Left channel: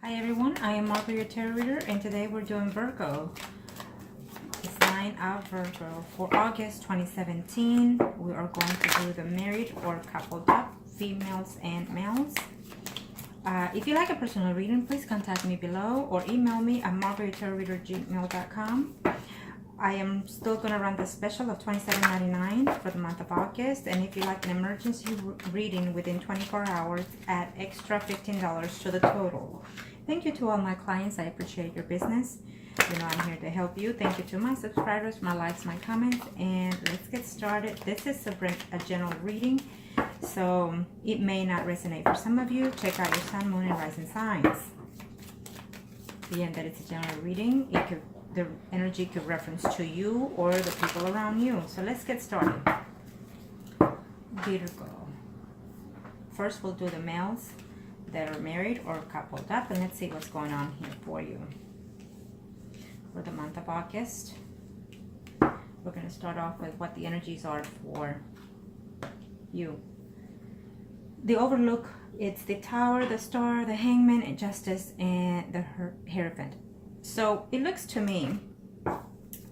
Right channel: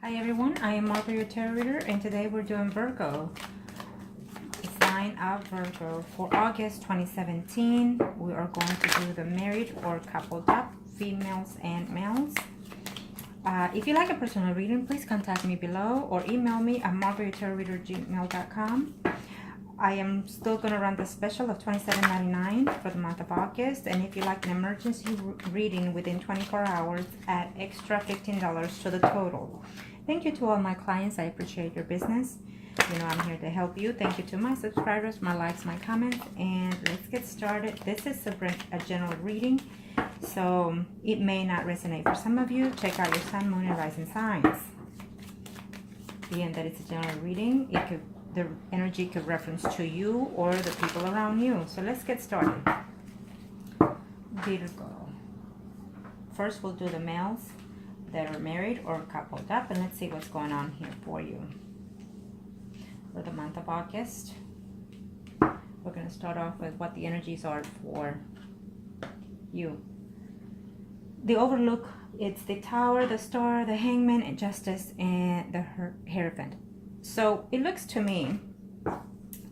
Hi everyone, I am Martha, your tarot reader, and today we're doing Virgo. The sign of Virgo for August 2017. We are going to do the married or coupled up, females and males. If you like a personal reading, please contact me below or email me at margarettarotreader@gmail.com. I am still going to run the special of $27.99 for the month of August. And if you like an emergency reading within 24 hours, add extra $15 to the total. Thank you to all my clients. I appreciate your business. You know I'm here to help you. Thank you to my subscribers, my likes, my comments. And let's get started. This is a general reading, so it may not resonate for some of you. Check out your sun, moon, and rising signs. Being that it's a general reading, the energy could reference to you or the people around you. So let's get started. Virgo. First, we'll do the males that are married or coupled up, and let's see what's going on here for you for the month of August. We're going to start off with what the energies are for you. The Overlook, it's the Tower, the Star, the Hangman, and Justice, and the Hierophant. So it looks to me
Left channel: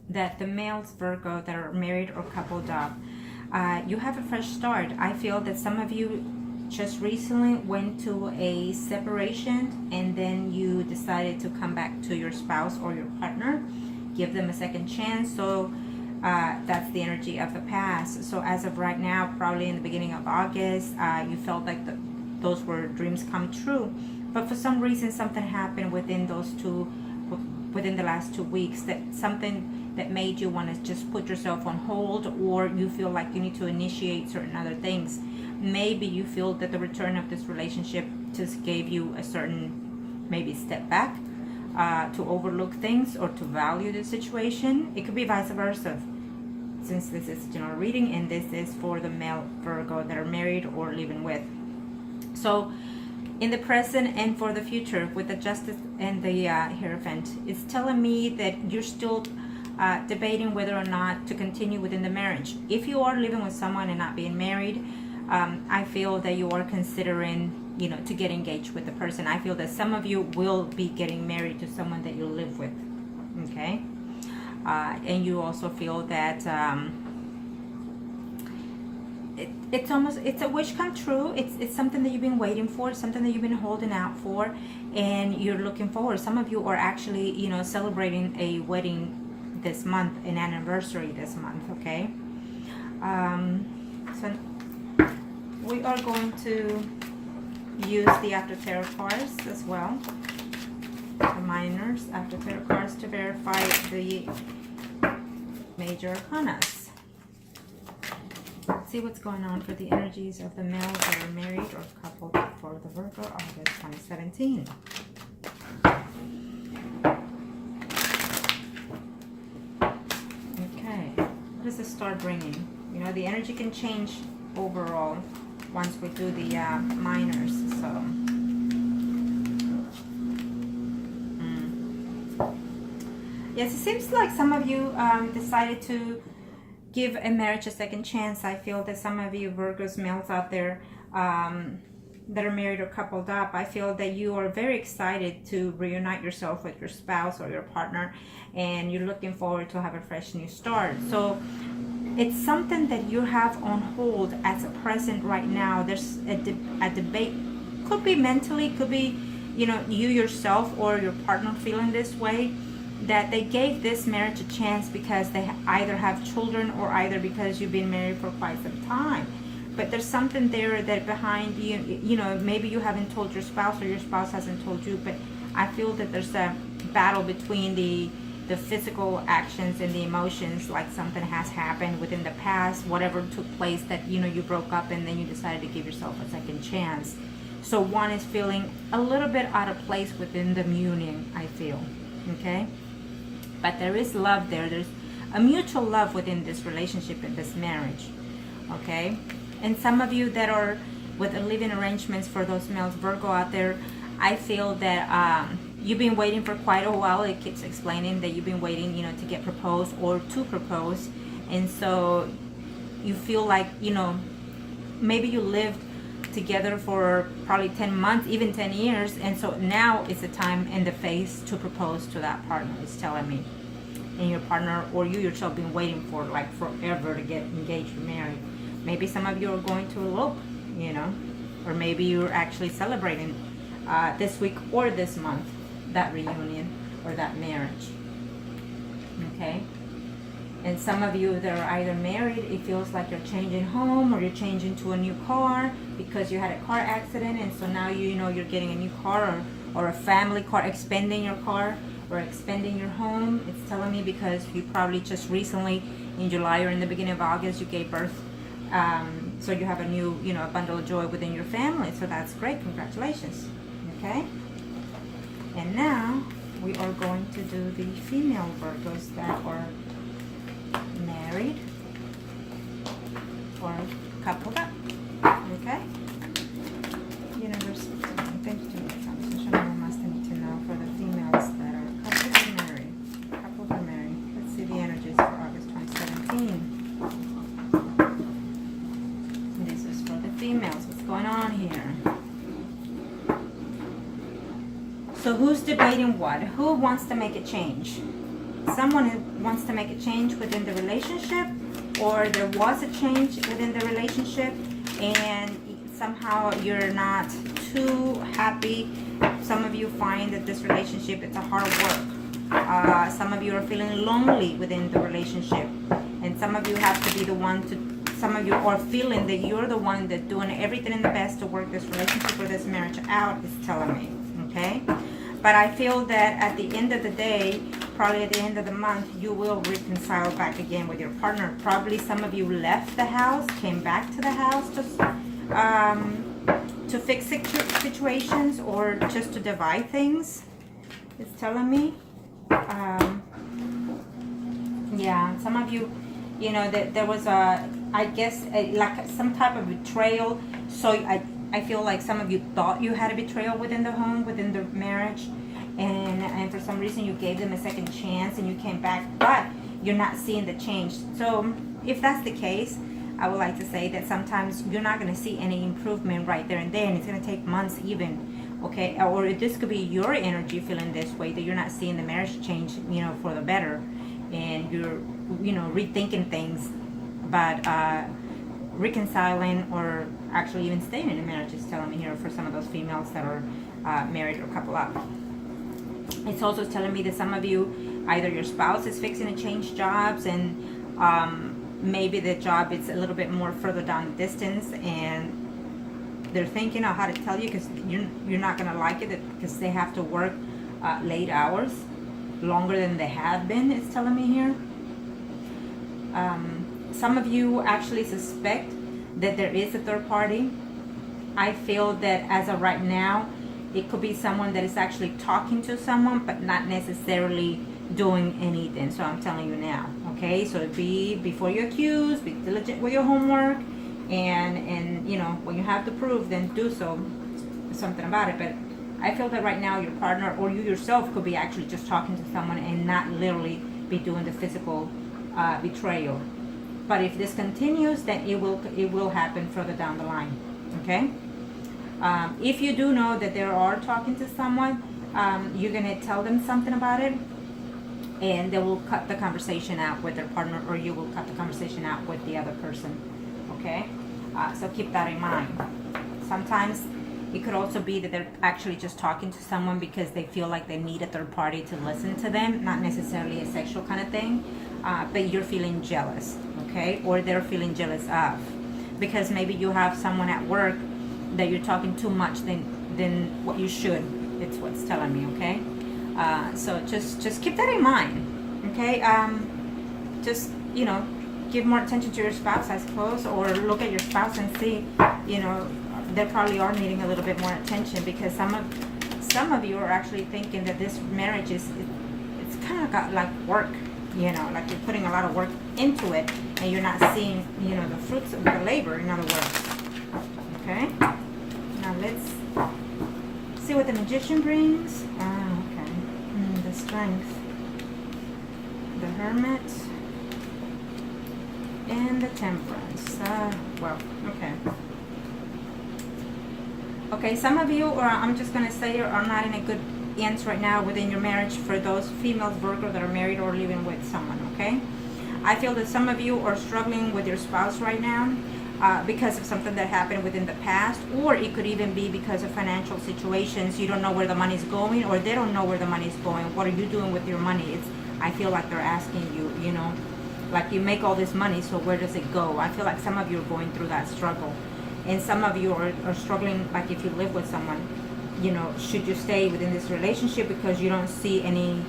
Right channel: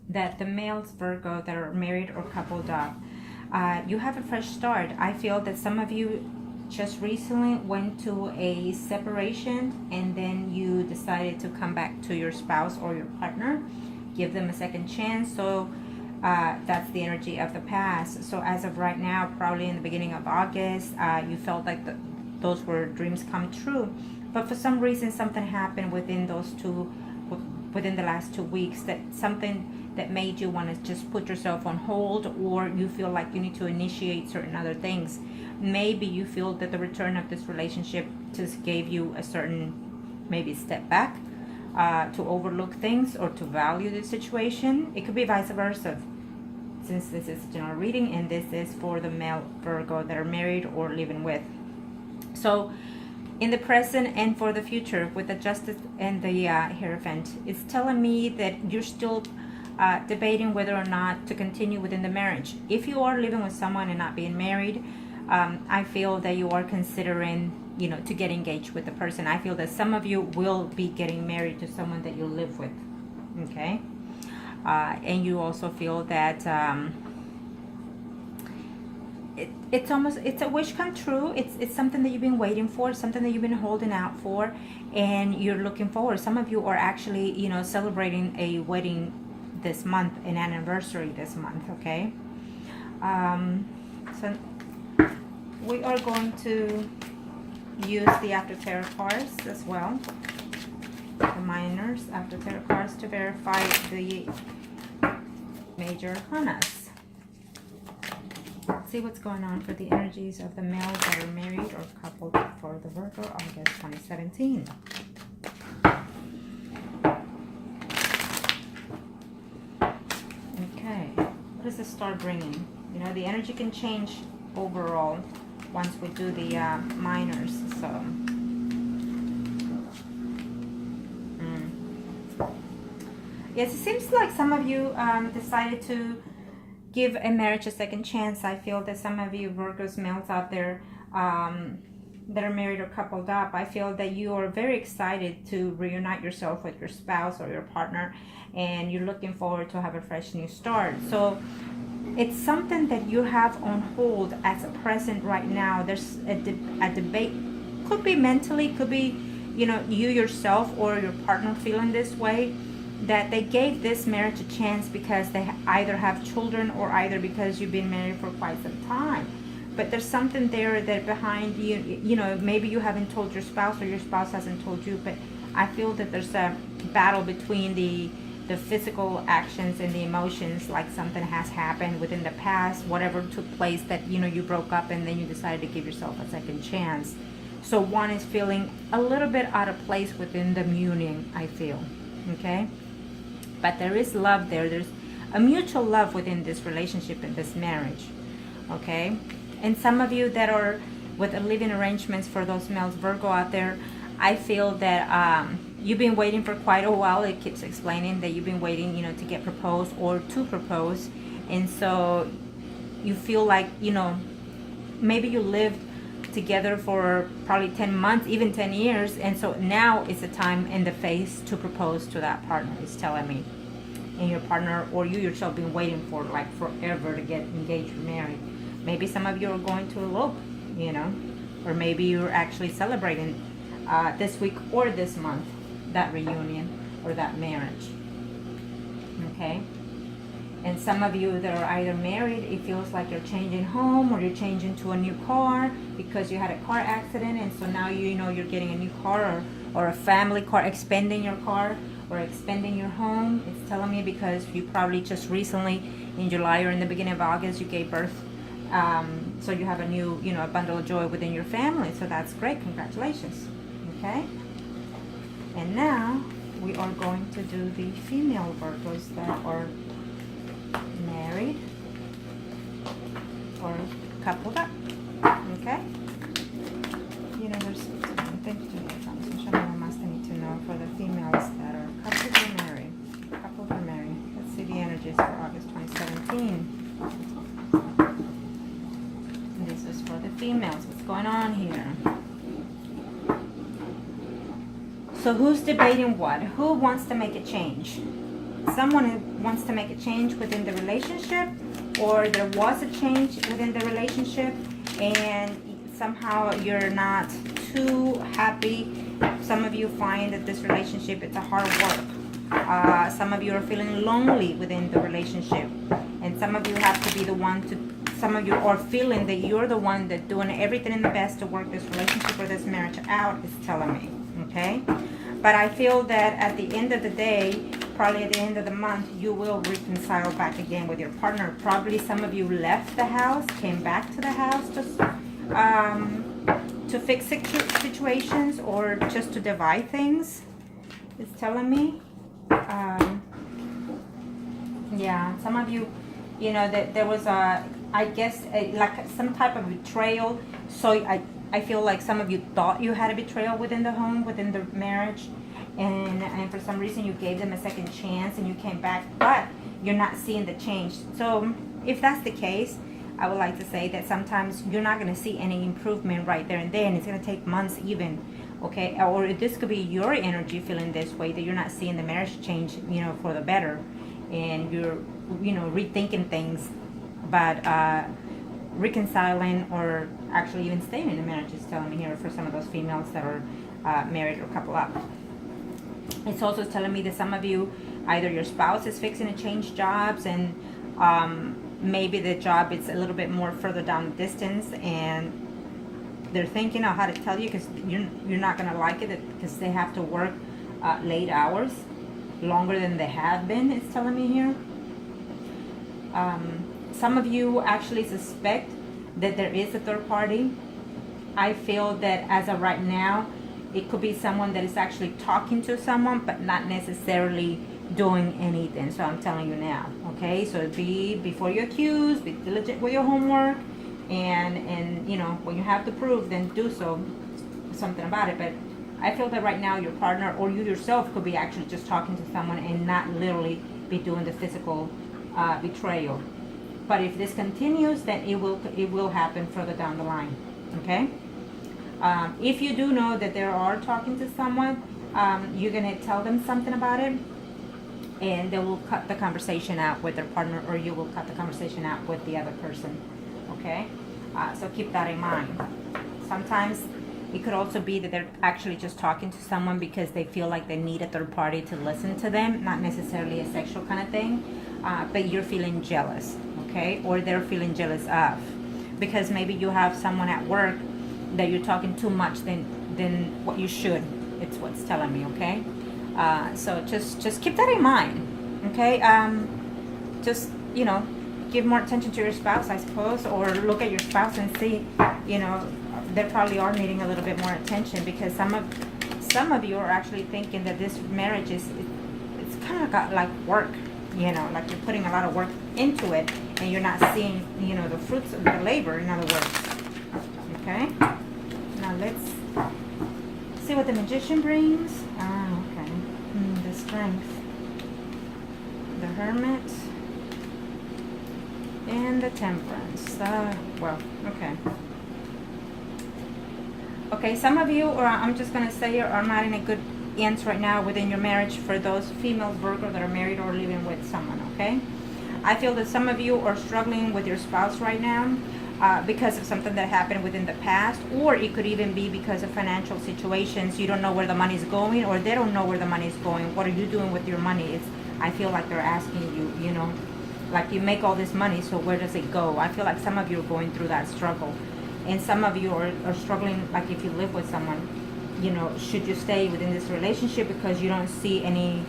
that the males, Virgo, that are married or coupled up, you have a fresh start. I feel that some of you just recently went to a separation and then you decided to come back to your spouse or your partner, give them a second chance. So that's the energy of the past. So as of right now, probably in the beginning of August, you felt like those were dreams come true, but for some reason something happened within the last 2 weeks, that something that made you want to just put yourself on hold, or you feel like you need to initiate certain other things. Maybe you feel that the return of this relationship just gave you a certain maybe step back to overlook things or to value the situation. It could be vice versa, since this is a general reading and this is for the male Virgo that are married or living with. So in the present and for the future, with the Justice and the Hierophant, it's telling me that you're still debating whether or not to continue within the marriage. If you are living with someone and not being married, I feel that you are considering, to get engaged with the person. I feel that some of you will be getting married to someone that you live with, okay? And you also feel that it's a wish come true. It's something that you've been waiting for, something that you've been holding out for, and you're looking forward. Some of you are actually, celebrating a wedding this month, an anniversary this month, okay? So we are going to use the After Tarot cards as well, the minors After Tarot cards, to verify the major arcanas. See what's going on for the energies of the males that are married or coupled for the Virgo August 2017. Okay, what does the star bringing? The energy can change overall once we do the minors. So yes, it seems like some of you decided to give a marriage a second chance. I feel that some of you Virgos males out there that are married or coupled up, I feel that you are very excited to reunite yourself with your spouse or your partner, and you're looking forward to have a fresh new start. So it's something that you have on hold as a present right now. There's a debate, could be mentally, could be, you yourself or your partner feeling this way, that they gave this marriage a chance because they either have children or either because you've been married for quite some time. But there's something there that behind you, maybe you haven't told your spouse or your spouse hasn't told you, but I feel that there's a battle between the physical actions and the emotions, like something has happened within the past, whatever took place, that you broke up and then you decided to give yourself a second chance. So one is feeling a little bit out of place within the union, I feel, okay? But there is love there. There's a mutual love within this relationship and this marriage, okay? And some of you that are with living arrangements, for those males Virgo out there, I feel that you've been waiting for quite a while. It keeps explaining that you've been waiting, to get proposed or to propose. And so you feel like, maybe you lived together for probably 10 months, even 10 years. And so now is the time and the phase to propose to that partner, it's telling me. And your partner or you yourself been waiting for like forever to get engaged or married. Maybe some of you are going to elope, you know, or maybe you're actually celebrating this week or this month that reunion or that marriage. Okay? And some of you that are either married, it feels like you're changing home or you're changing to a new car because you had a car accident, and so now you know you're getting a new car, or a family car, expanding your car or expanding your home. It's telling me because you probably just recently in July or in the beginning of August you gave birth. So you have a new, you know, a bundle of joy within your family. So that's great. Congratulations. Okay? And now we are going to do the female Virgos that are married or coupled up. Okay? Universe, thank you to me. Show me what must I need to know for the females that are coupled or married. Coupled or married. Let's see the energies for August 2017. This is for the females. What's going on here? So who's debating what? Who wants to make a change? Someone who wants to make a change within the relationship, or there was a change within the relationship and somehow you're not too happy. Some of you find that this relationship, it's a hard work. Some of you are feeling lonely within the relationship, and some of you have to be the one to, some of you are feeling that you're the one that's doing everything in the best to work this relationship or this marriage out, is telling me. Okay? But I feel that at the end of the day, probably at the end of the month, you will reconcile back again with your partner. Probably some of you left the house, came back to the house to fix situations or just to divide things. It's telling me. Yeah, some of you, you know, that there was a, I guess, like some type of betrayal. So I feel like some of you thought you had a betrayal within the home, within the marriage, and for some reason you gave them a second chance and you came back, but you're not seeing the change. So if that's the case, I would like to say that sometimes you're not going to see any improvement right there and then. It's going to take months even, okay? Or this could be your energy feeling this way, that you're not seeing the marriage change, you know, for the better, and you're, you know, rethinking things, but reconciling or actually even staying in a marriage is telling me here for some of those females that are married or couple up. It's also telling me that some of you, either your spouse is fixing to change jobs, and maybe the job is a little bit more further down the distance, and they're thinking of how to tell you because you're not going to like it because they have to work late hours, longer than they have been, it's telling me here. Some of you actually suspect that there is a third party. I feel that as of right now, it could be someone that is actually talking to someone, but not necessarily doing anything. So I'm telling you now, okay? So be, before you accuse, be diligent with your homework, and you know, when you have the proof, then do something about it. But I feel that right now your partner or you yourself could be actually just talking to someone and not literally be doing the physical betrayal. But if this continues, then it will happen further down the line. Okay? If you do know that they are talking to someone, you're gonna tell them something about it, and they will cut the conversation out with their partner, or you will cut the conversation out with the other person. Okay? So keep that in mind. Sometimes it could also be that they're actually just talking to someone because they feel like they need a third party to listen to them, not necessarily a sexual kind of thing, but you're feeling jealous, okay? Or they're feeling jealous of, because maybe you have someone at work that you're talking too much than what you should. It's what's telling me, okay? So just keep that in mind, okay? Just, you know, give more attention to your spouse, I suppose, or look at your spouse and see, you know, they probably are needing a little bit more attention, because some of you are actually thinking that this marriage it's kind of got like work, you know, like you're putting a lot of work into it and you're not seeing, you know, the fruits of the labor, in other words. Okay, now let's see what the Magician brings. Okay, the Strength, the Hermit, and the Temperance. Well, okay. Okay, some of you, or I'm just going to say, are not in a good ends right now within your marriage for those females, Virgo, that are married or living with someone, okay? I feel that some of you are struggling with your spouse right now because of something that happened within the past, or it could even be because of financial situations. You don't know where the money's going, or they don't know where the money's going. What are you doing with your money? I feel like they're asking you, you know, like you make all this money, so where does it go? I feel like some of you are going through that struggle. And some of you are struggling, like if you live with someone, you know, should you stay within this relationship because you don't see any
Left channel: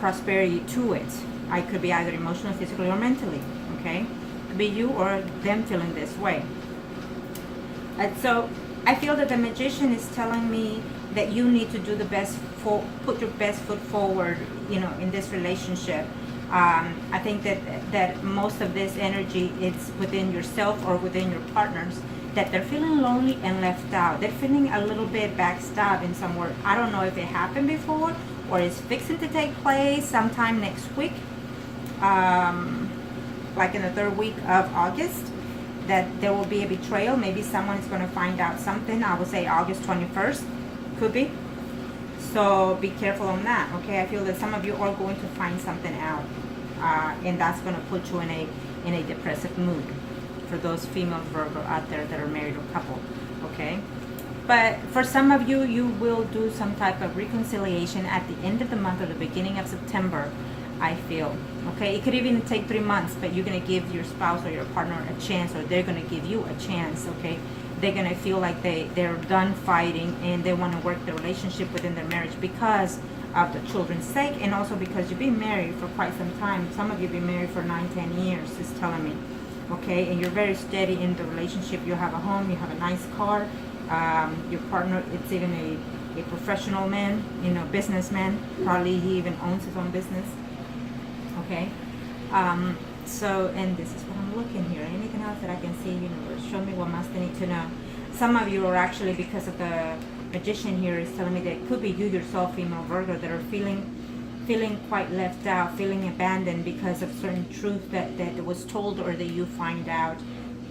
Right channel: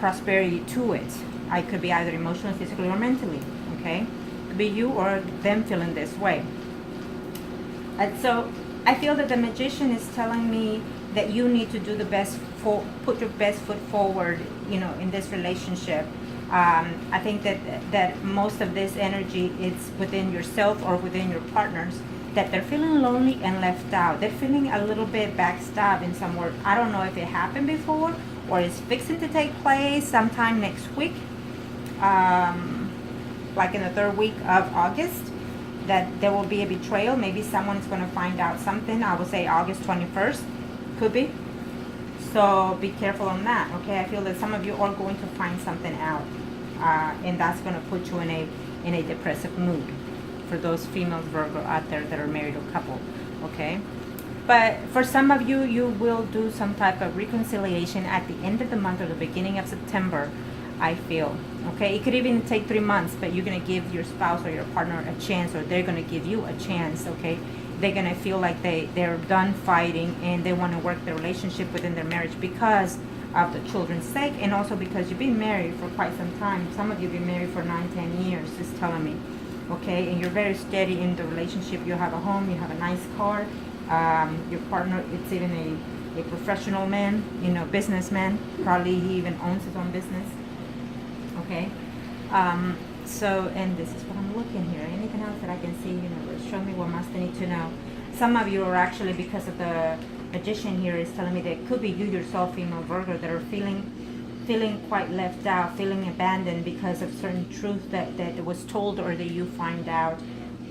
prosperity to it? I could be either emotionally, physically, or mentally, okay? Be you or them feeling this way. And so I feel that the Magician is telling me that you need to do the best, put your best foot forward, you know, in this relationship. I think that most of this energy is within yourself or within your partners, that they're feeling lonely and left out. They're feeling a little bit backstabbed in some word. I don't know if it happened before or it's fixing to take place sometime next week, like in the 3rd week of August, that there will be a betrayal. Maybe someone is going to find out something. I would say August 21st, could be. So be careful on that, okay? I feel that some of you are going to find something out, and that's going to put you in a depressive mood. For those females, Virgo, out there that are married or couple, okay? But for some of you, you will do some type of reconciliation at the end of the month or the beginning of September, I feel, okay? It could even take 3 months, but you're going to give your spouse or your partner a chance, or they're going to give you a chance, okay? They're going to feel like they're done fighting and they want to work their relationship within their marriage because of the children's sake, and also because you've been married for quite some time. Some of you have been married for 9-10 years, it's telling me. Okay, and you're very steady in the relationship. You have a home, you have a nice car. Your partner, it's even a professional man, you know, businessman. Probably he even owns his own business. Okay, so, and this is what I'm looking here. Anything else that I can see, you know, show me what must I need to know. Some of you are actually, because of the Magician here, is telling me that it could be you yourself, female Virgo, that are feeling quite left out, feeling abandoned because of certain truth that was told or that you find out.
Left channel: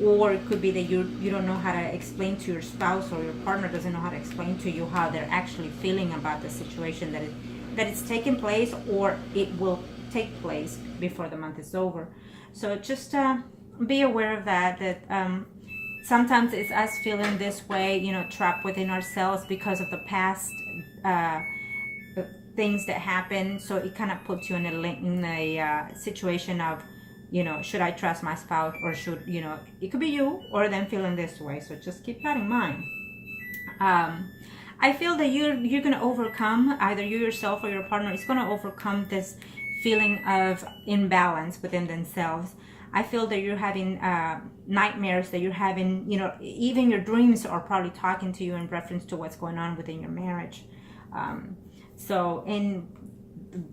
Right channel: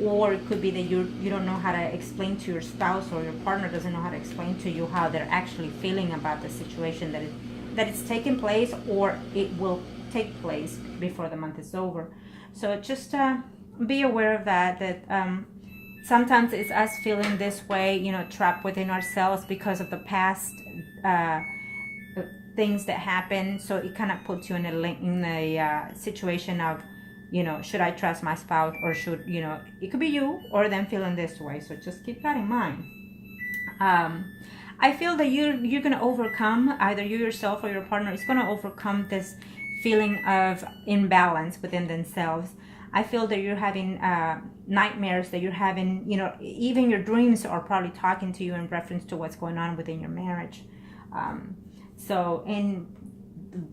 Or it could be that you don't know how to explain to your spouse, or your partner doesn't know how to explain to you how they're actually feeling about the situation that it's taking place, or it will take place before the month is over. So just be aware of that sometimes it's us feeling this way, you know, trapped within ourselves because of the past things that happen. So it kind of puts you in a situation of, you know, should I trust my spouse, or should, you know, it could be you or them feeling this way. So just keep that in mind. I feel that you're going to overcome, either you yourself or your partner is going to overcome this feeling of imbalance within themselves. I feel that you're having nightmares, that you're having, you know, even your dreams are probably talking to you in reference to what's going on within your marriage. So, and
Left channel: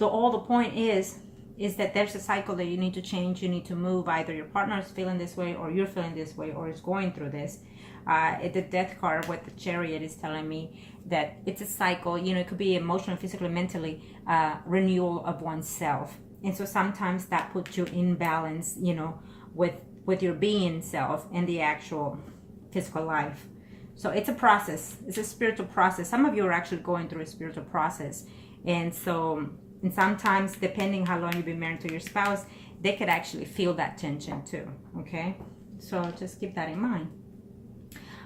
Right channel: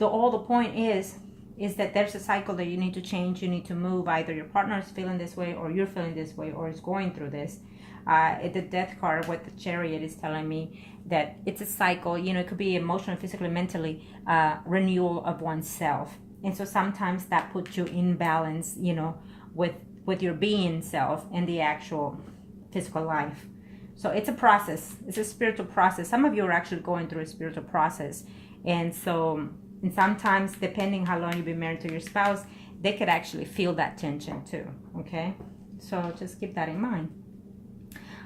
all the point is that there's a cycle that you need to change, you need to move. Either your partner is feeling this way, or you're feeling this way, or is going through this. The Death card with the Chariot is telling me that it's a cycle. You know, it could be emotionally, physically, mentally, renewal of oneself. And so sometimes that puts you in balance, you know, with your being self and the actual physical life. So it's a process. It's a spiritual process. Some of you are actually going through a spiritual process. And so, and sometimes, depending how long you've been married to your spouse, they could actually feel that tension too, okay? So just keep that in mind.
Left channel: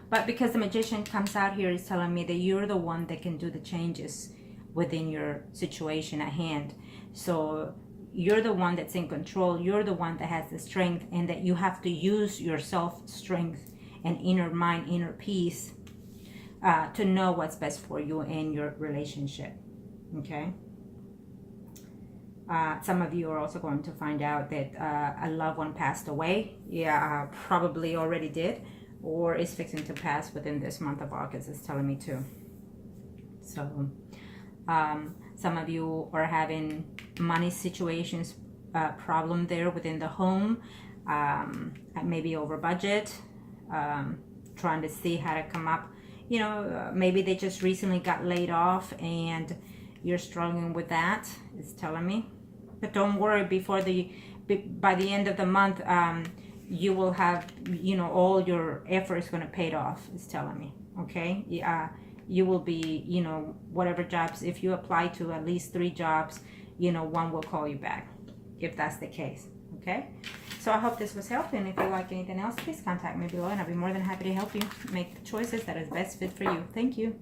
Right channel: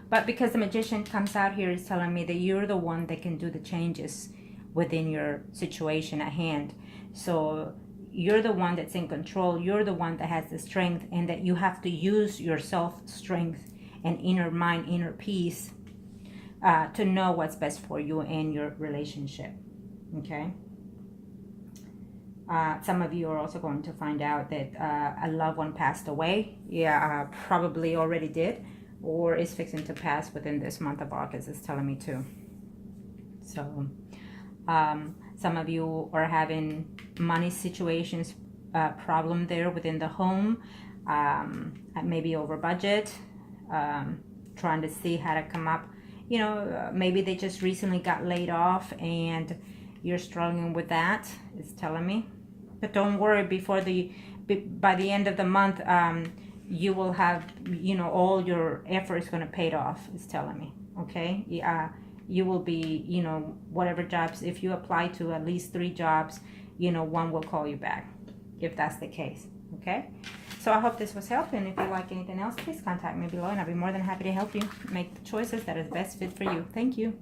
But because the Magician comes out here, is telling me that you're the one that can do the changes within your situation at hand. So you're the one that's in control. You're the one that has the strength, and that you have to use your self-strength and inner mind, inner peace, to know what's best for you and your relationship, okay? Some of you are also going to find out that a loved one passed away. Yeah, probably already did, or is fixing to pass within this month of August, it's telling me too. So some of you are having money situations, problem there within the home, maybe over budget, trying to see how to come up. You know, maybe they just recently got laid off and you're struggling with that, it's telling me. But don't worry, by the end of the month, you will have, you know, all your effort is going to pay off, it's telling me, okay? You will be, you know, whatever jobs, if you apply to at least 3 jobs, you know, one will call you back, if that's the case, okay? So I hope this was helpful, and if you like anything else, please contact me below, and I'll be more than happy to help you make the choices that is best fit for you. Thank you.